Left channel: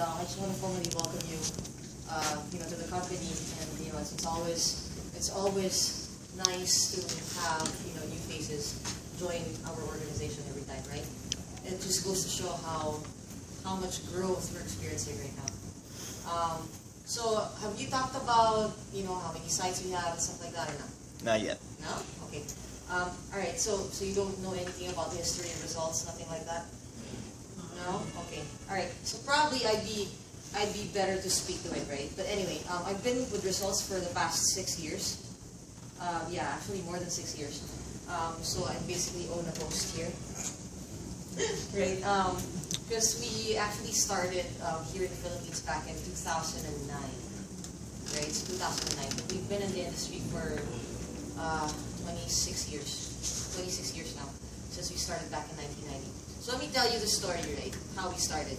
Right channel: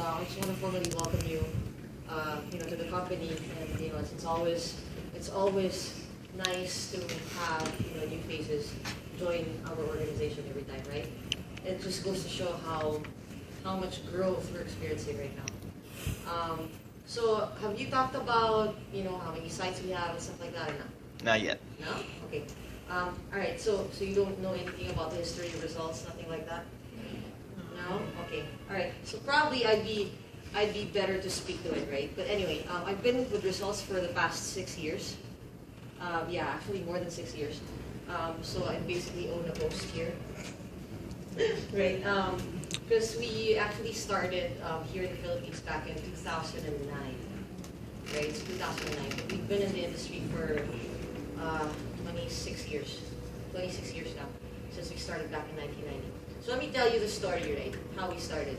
I just want to formally welcome you, to the company. And it's always nice to have new faces join our organization every time, right? It just goes to show how much growth we're experiencing right now. So have you talked about how many sites we have and stuff like that or not? Not yet. No? Okay. All right. So you don't know anything about the history and results, nothing like that? No? Okay. All right. So probably I'd be better to speak to it, right? But anyway, I've been with results for the past 6 years. Yeah, actually more than 6 years. So I basically own a post here, right? Because we actually started here in the Philippines back in 2009, right? It's 2009. We've been in the industry for 26 years. 26 years now, since we started back in 1990. So let me tell you the story, right? How we started.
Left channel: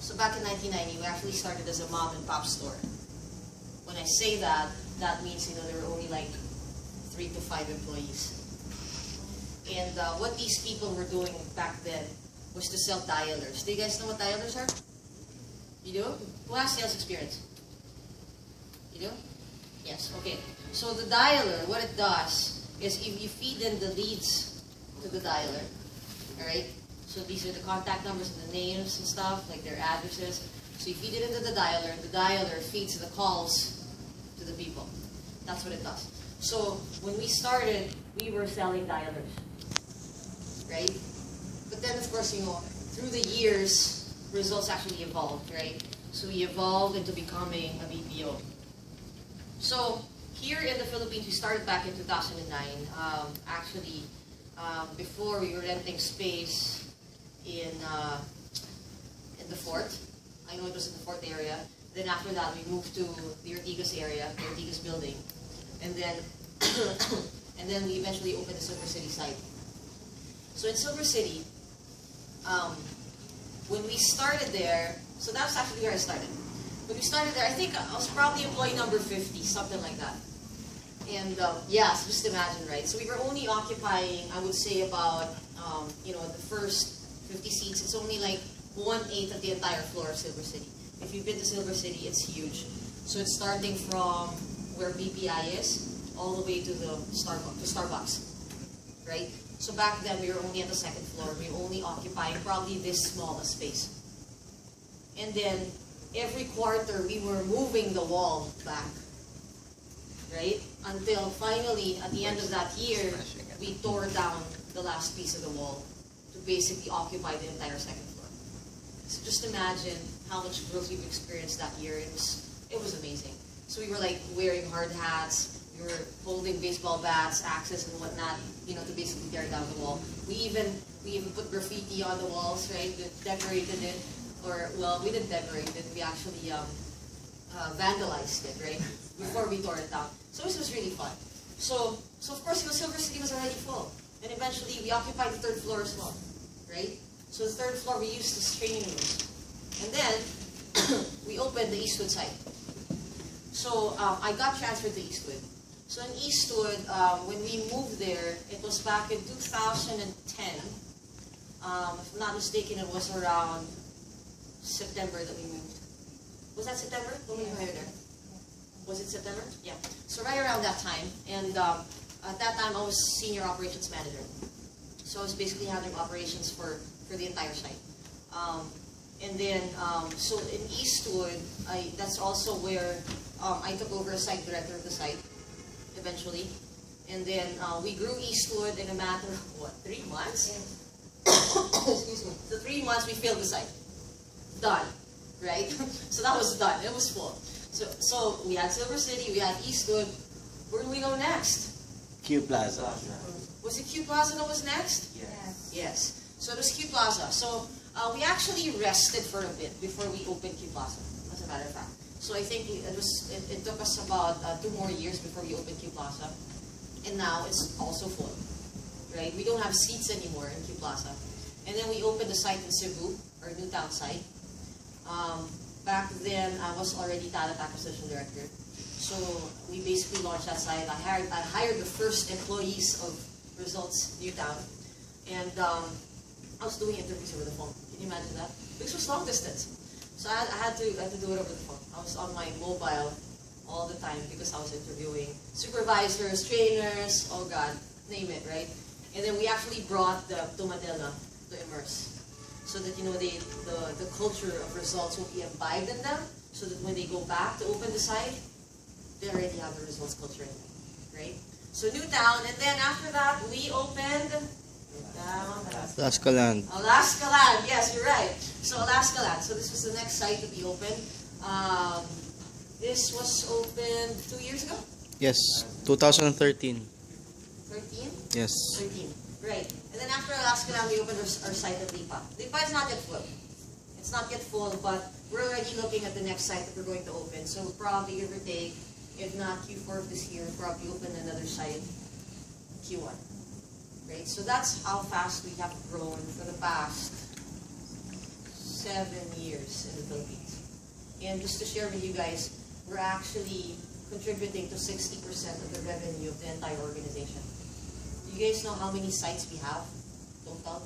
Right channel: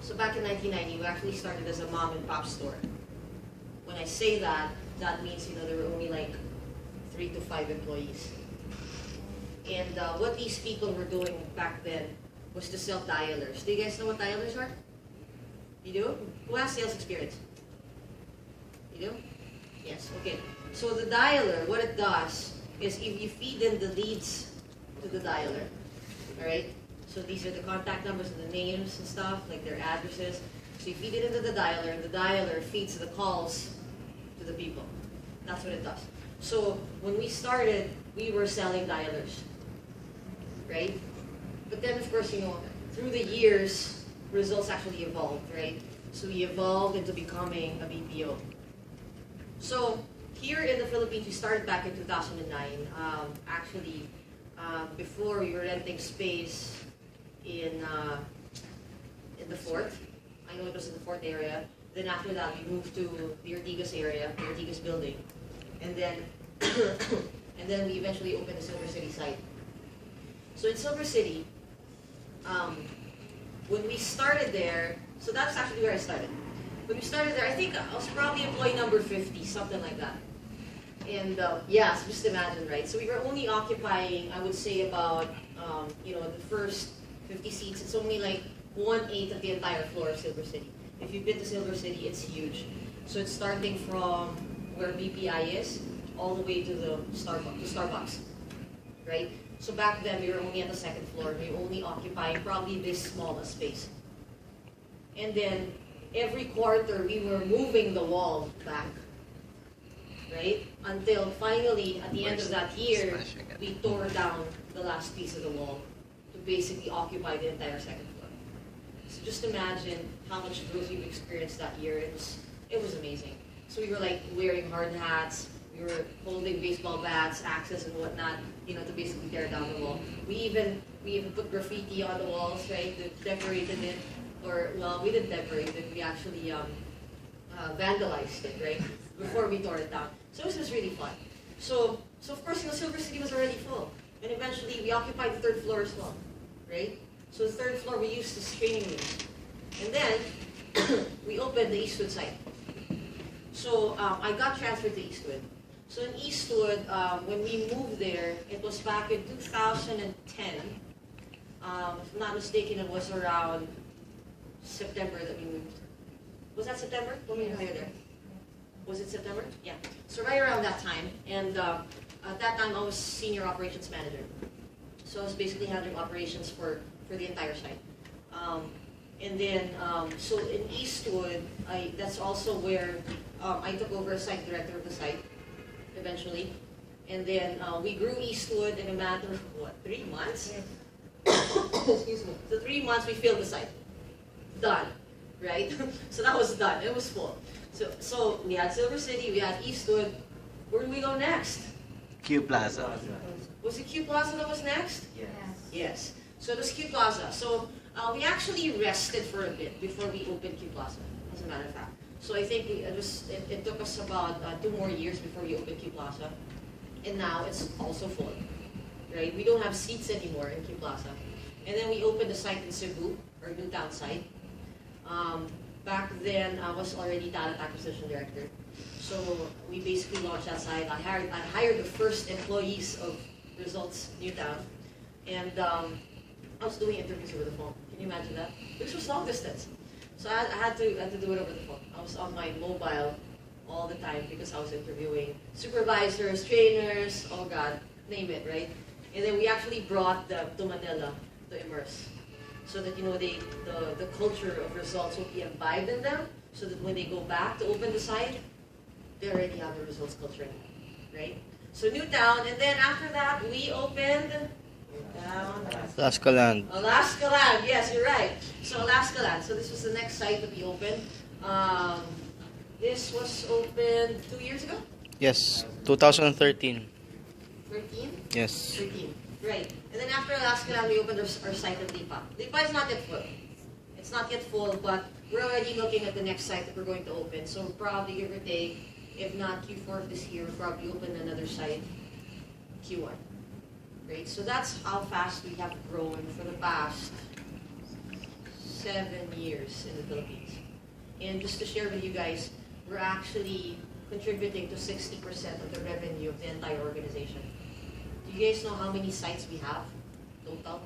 So back in 1990, we actually started as a mom and pop store. When I say that, that means there were only like 3 to 5 employees. And what these people were doing back then was to sell dialers. Do you guys know what dialers are? You do? Who has sales experience? You do? Yes, okay. So the dialer, what it does is if you feed in the leads to the dialer, all right? So these are the contact numbers and the names and stuff, like their addresses. So you feed it into the dialer feeds the calls to the people. That's what it does. So when we started, we were selling dialers, right? But then, of course, through the years, results actually evolved, right? So we evolved into becoming a BPO. So here in the Philippines, we started back in 2009. Before we were renting space in the fort. I know it was in the fort area. Then after that, we moved to the Ortigas area, the Ortigas building, and then and then we eventually opened the Silver City site. So in Silver City, when we started there, so that's actually where I started. When we started there, I think I was probably employee number 50, something like that. And yeah, so just imagine, right? So we were only occupying, I would say, about the first 50 seats. It's only like 1/8 of the entire floor of Silver City. If you've been to Silver City, it's huge. So it's starting from where BPI is all the way to the Starbucks, right? So back then we were only at the second floor. We were only occupying probably this small a space. And then every quarter we were moving the wall back, right? Until finally, at the end of that year, we tore down the last piece of the wall to basically occupy the entire second floor. So just imagine how much growth we've experienced that year. It was amazing. So we were like wearing hard hats, we were holding baseball bats, axes and whatnot, to basically tear down the wall. We even put graffiti on the walls, right? Decorated it, or well, we didn't decorate it. We actually vandalized it, right? Before we tore it down. So this was really fun. So of course, Silver City was already full. And eventually, we occupied the third floor as well, right? So the third floor we used as training rooms. And then, we opened the Eastwood site. So I got transferred to Eastwood. So in Eastwood, when we moved there, it was back in 2010. If I'm not mistaken, it was around September that we moved. Was that September? When we hired there? Was it September? Yeah. So right around that time, and at that time I was senior operations manager. So I was basically handling operations for the entire site. And then, so in Eastwood, that's also where I took over as site director of the site, eventually. And then we grew Eastwood in a matter of, 3 months? Excuse me. So 3 months we filled the site. Done, right? So that was done. It was full. So we had Silver City, we had Eastwood. Where do we go next? Q Plaza. Was it Q Plaza that was next? Yes. Yes. So it was Q Plaza. So we actually rested for a bit before we opened Q Plaza, as a matter of fact. So I think it took us about 2 more years before we opened Q Plaza. And now it's also full, right? We don't have seats anymore in Q Plaza. And then we opened the site in Cebu, our Newtown site. Back then, I was already talent acquisition director. So we basically launched that site. I hired the first employees of Results Newtown. And I was doing interviews over the phone. Can you imagine that? Which was long distance. So I had to do it over the phone. I was on my mobile all the time because I was interviewing supervisors, trainers, oh God, name it, right? And then we actually brought to Manila to immerse, so that the culture of results will be imbibed in them, so that when they go back to open the site, they already have the results culture, right? So Newtown, and then after that we opened Alaska Land. Alaska Land. Yes, you're right. So Alaska Land. So this was the next site that we opened. This was opened 2 years ago. Yes, 2013. 13. Yes. 13. Right. And then after Alaska Land, we opened our site at Lipa. Lipa is not yet full. It's not yet full, but we're already looking at the next site that we're going to open. So probably give or take, if not Q4 of this year, we'll probably open another site Q1. Right? So that's how fast we have grown for the past 7 years in the Philippines. And just to share with you guys, we're actually contributing to 60% of the revenue of the entire organization. Do you guys know how many sites we have total?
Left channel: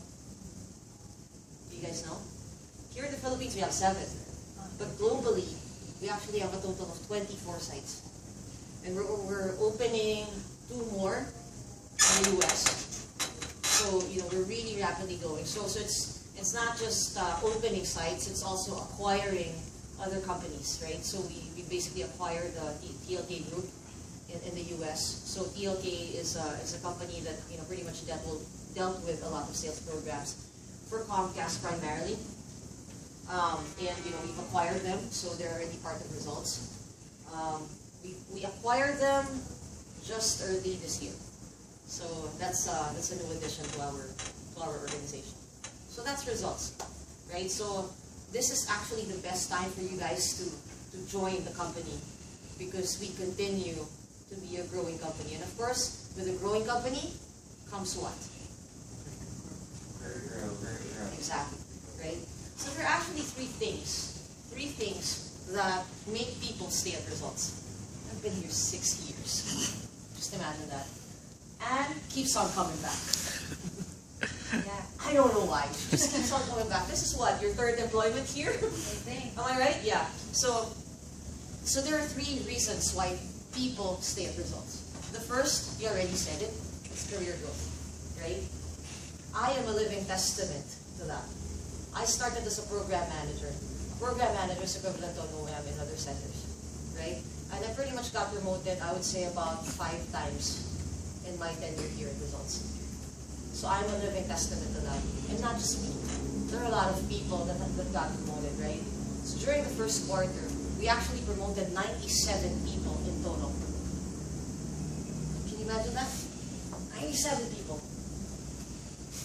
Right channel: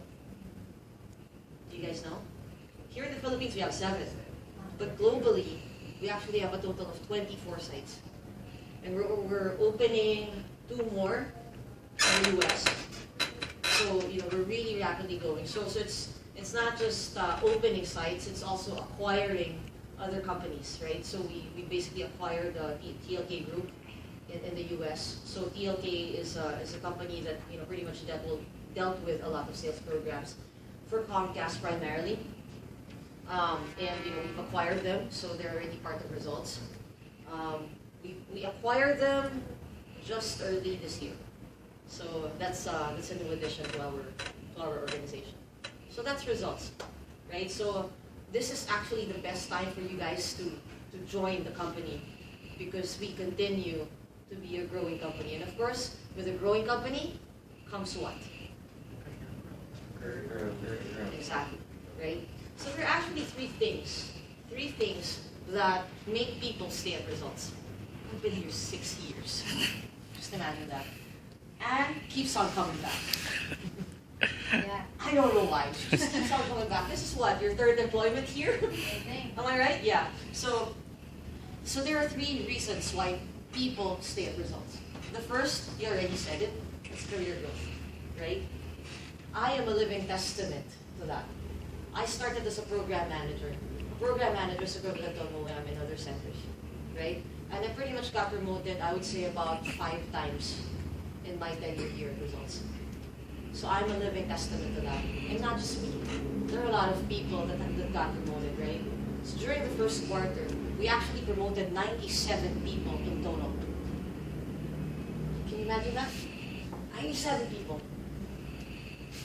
Do you guys know? Here in the Philippines, we have 7. But globally, we actually have a total of 24 sites. And we're opening 2 more in the US. So, we're really rapidly going. So it's not just opening sites, it's also acquiring other companies, right? So we basically acquired the TLK group in the US. So TLK is a company that pretty much dealt with a lot of sales programs for Comcast primarily. And we've acquired them, so they're already part of results. We acquired them just early this year. So that's a new addition to our organization. So that's results, right? So this is actually the best time for you guys to join the company, because we continue to be a growing company. And of course, with a growing company comes what? Exactly, right? So there are actually three things that make people stay at results. I've been here 6 years. Just imagine that. And keeps on coming back. Yeah, I don't know why. She just keeps on coming back. This is what, your 3rd employment here? Am I right? Yeah. So there are 3 reasons why people stay at results. The first, you already said it, is career growth, right? I am a living testament to that. I started as a program manager. A program manager is equivalent to an OM in other centers, right? And I pretty much got promoted, I would say, about 5 times in my tenure here at Results. So I'm a living testament to that. And not just me. There are a lot of people that got promoted, right? So during the first quarter, we actually promoted 97 people in total. Can you imagine that? 97 people.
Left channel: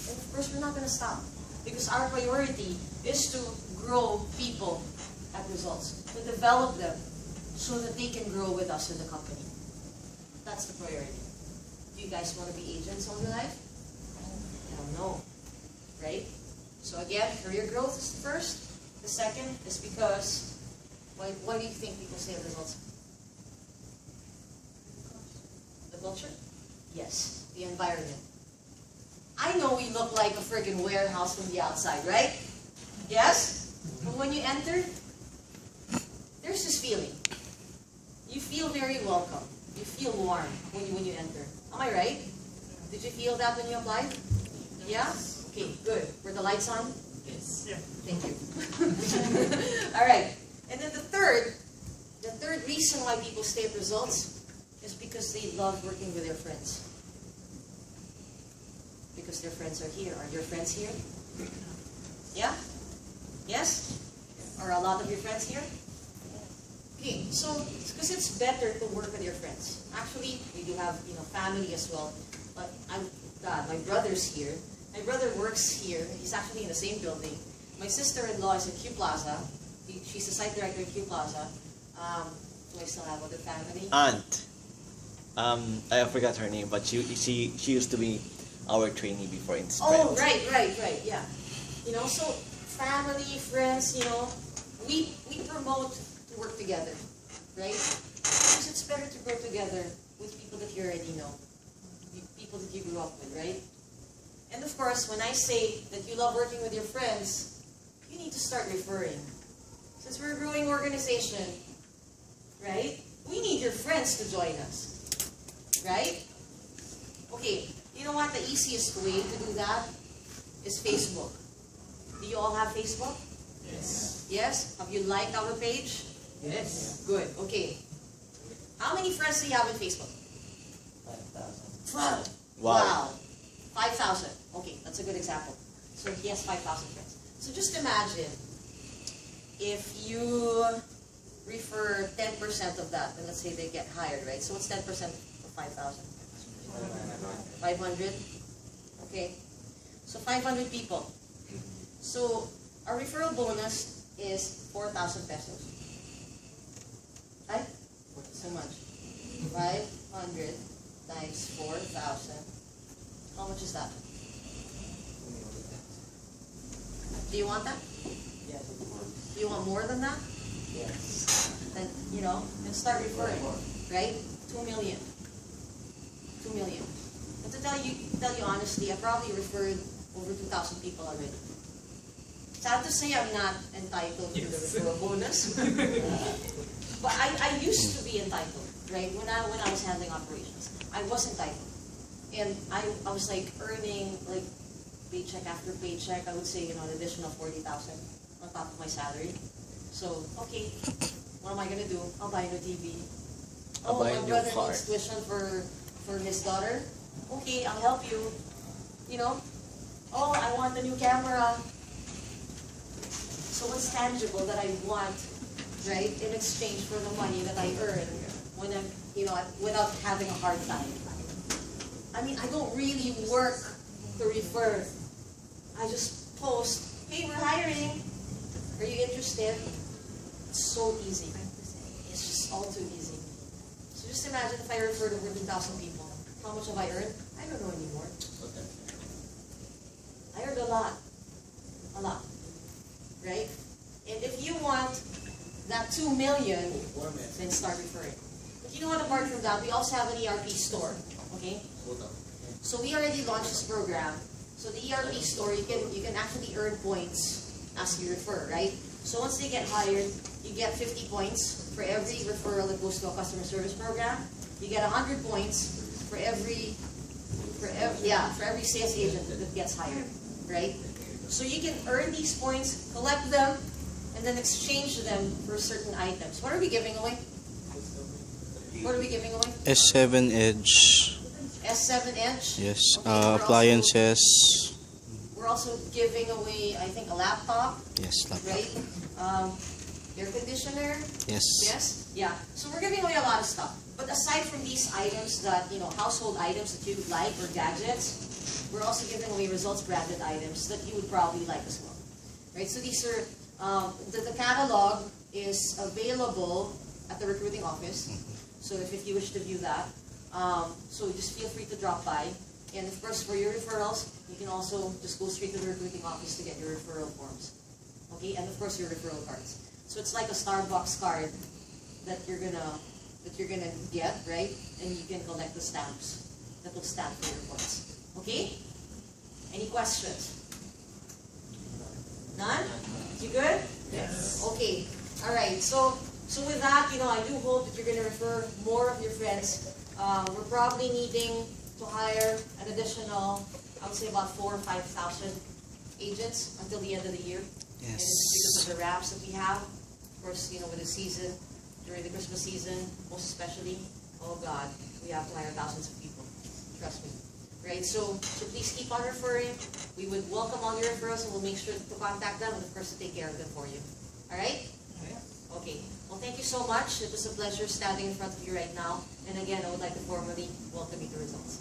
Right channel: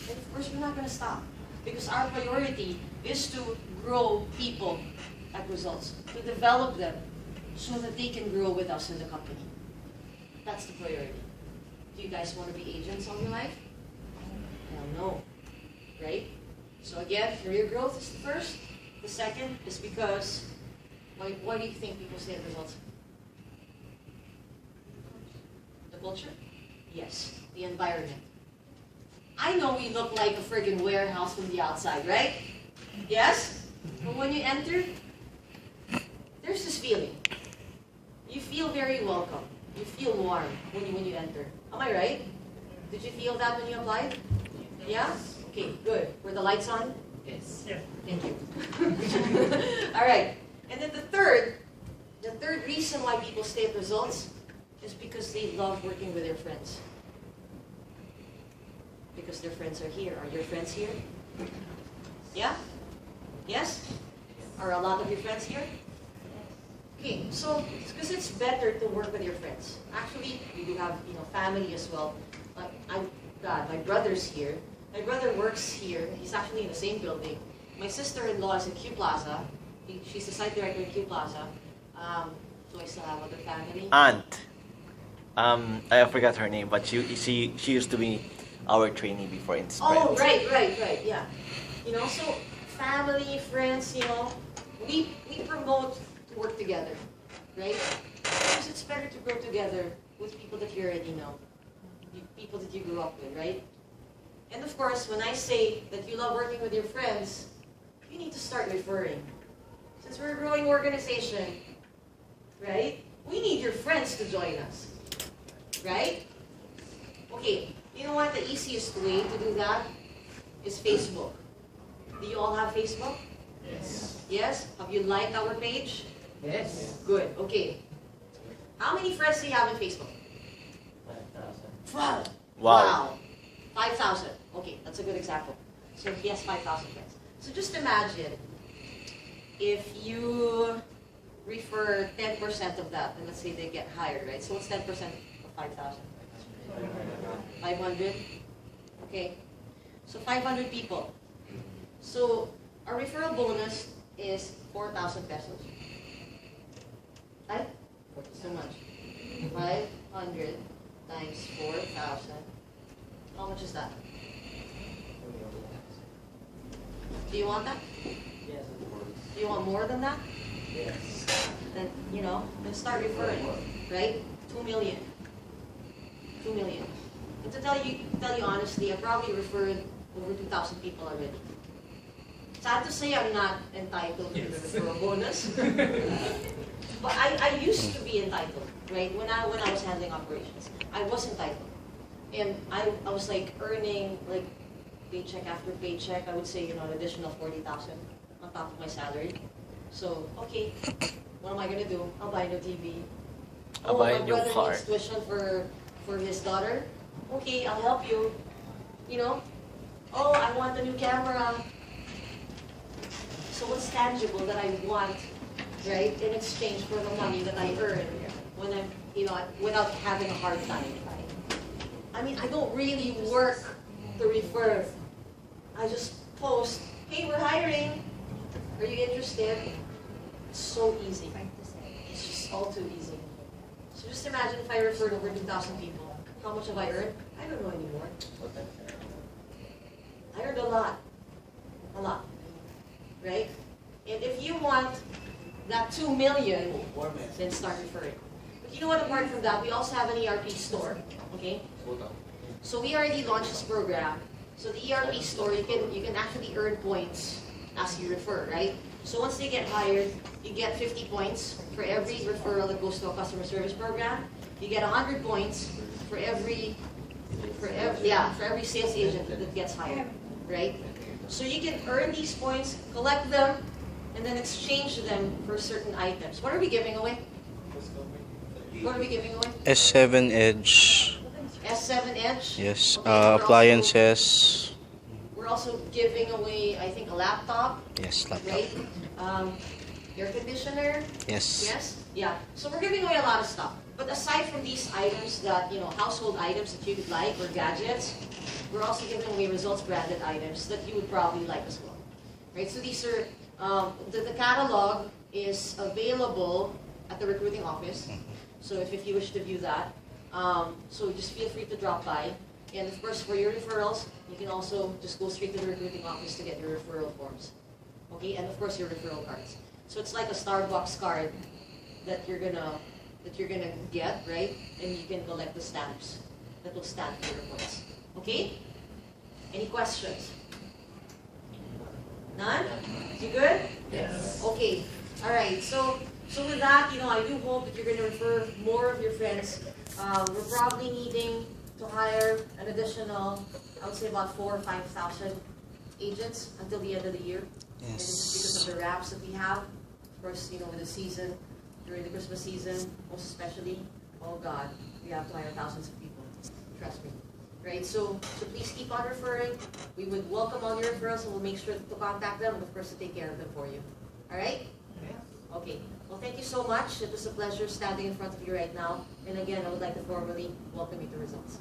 And of course, we're not going to stop. Because our priority is to grow people at Results, to develop them so that they can grow with us in the company. That's the priority. Do you guys want to be agents all your life? Hell no. Right? So again, career growth is the first. The second is because, why do you think people stay at Results? The culture? Yes. The environment. I know we look like a friggin' warehouse from the outside, right? Yes? But when you enter, there's this feeling. You feel very welcome. You feel warm when you enter. Am I right? Did you feel that when you applied? Yeah? Okay, good. Were the lights on? Yes. Yeah. Thank you. All right. And then the third reason why people stay at Results is because they love working with their friends. Because their friends are here. Are your friends here? Yeah? Yes? Are a lot of your friends here? Okay, so because it's better to work with your friends. Actually, we do have family as well. My brother's here. My brother works here. He's actually in the same building. My sister-in-law is in Q Plaza. She's the site director in Q Plaza. Do I still have other family? Aunt. I forgot her name, but she used to be our trainee before in Sprint. Oh, right, yeah. So family, friends, we promote to work together, right? Because it's better to grow together with people that you already know, people that you grew up with, right? And of course, when I say that you love working with your friends, you need to start referring. So organization, right? We need your friends to join us, right? Okay, you know what? The easiest way to do that is Facebook. Do you all have Facebook? Yes. Yes? Have you liked our page? Yes. Good, okay. How many friends do you have in Facebook? 5,000. 12. Wow. 5,000. Okay, that's a good example. So he has 5,000 friends. So just imagine if you refer 10% of that, and let's say they get hired, right? So what's 10% of 5,000? 500? Okay. So 500 people. So our referral bonus is 4,000 pesos. Right? So much. 500 times 4,000. How much is that? Do you want that? Yes, of course. Do you want more than that? Yes. Then, then start referring, right? 2 million. 2 million. And to tell you honestly, I probably referred over 2,000 people already. Sad to say I'm not entitled to the referral bonus. But I used to be entitled, right? When I was handling operations, I was entitled. And I was like earning like paycheck after paycheck. I would say, an additional 40,000 on top of my salary. So, okay, what am I gonna do? I'll buy a new TV. I'll buy a my new brother car. needs tuition for his daughter. Okay, I'll help you. Oh, I want a new camera. So what's tangible that I want, right, in exchange for the money that I earn when I'm, without having a hard time, right? I mean, I don't really work to refer. I just post, hey, we're hiring. Are you interested? It's so easy. It's just all too easy. So just imagine if I referred over 2,000 people. How much have I earned? I don't know anymore. I earned a lot. A lot. Right? And if you want that 2 million, then start referring. But you know what, apart from that, we also have an ERP store. Okay? So we already launched this program. So the ERP store, you can actually earn points as you refer, right? So once they get hired, you get 50 points for every referral that goes to a customer service program. You get 100 points for every sales agent that gets hired, right? So you can earn these points, collect them, and then exchange them for certain items. What are we giving away? What are we giving away? S7 Edge. S7 Edge? Yes. Okay, Appliances. We're also giving away, I think, a laptop, Yes, laptop. right? Air conditioner. Yes. Yes? Yeah. So we're giving away a lot of stuff. But aside from these items that, household items that you would like, or gadgets, we're also giving away results branded items that you would probably like as well. Right? So these are, the catalog is available at the recruiting office. So if you wish to view that, so just feel free to drop by. And of course, for your referrals, you can also just go straight to the recruiting office to get your referral forms. Okay, and of course your referral cards. So it's like a Starbucks card that you're gonna get, right? And you can collect the stamps that will stand for your points. Okay? Any questions? None? You good? Yes. Okay. All right. So with that, I do hope that you're going to refer more of your friends. We're probably needing to hire an additional, I would say about 4,000 or 5,000 agents until the end of the year. And it's just because of the wraps that we have. Of course, with the season, during the Christmas season, most especially, oh God, we have to hire thousands of people. Trust me. Right? So please keep on referring. We would welcome all your referrals and we'll make sure to contact them and of course to take care of them for you. All right? Okay. Well, thank you so much. It was a pleasure standing in front of you right now. And again, I would like to formally welcome you to results.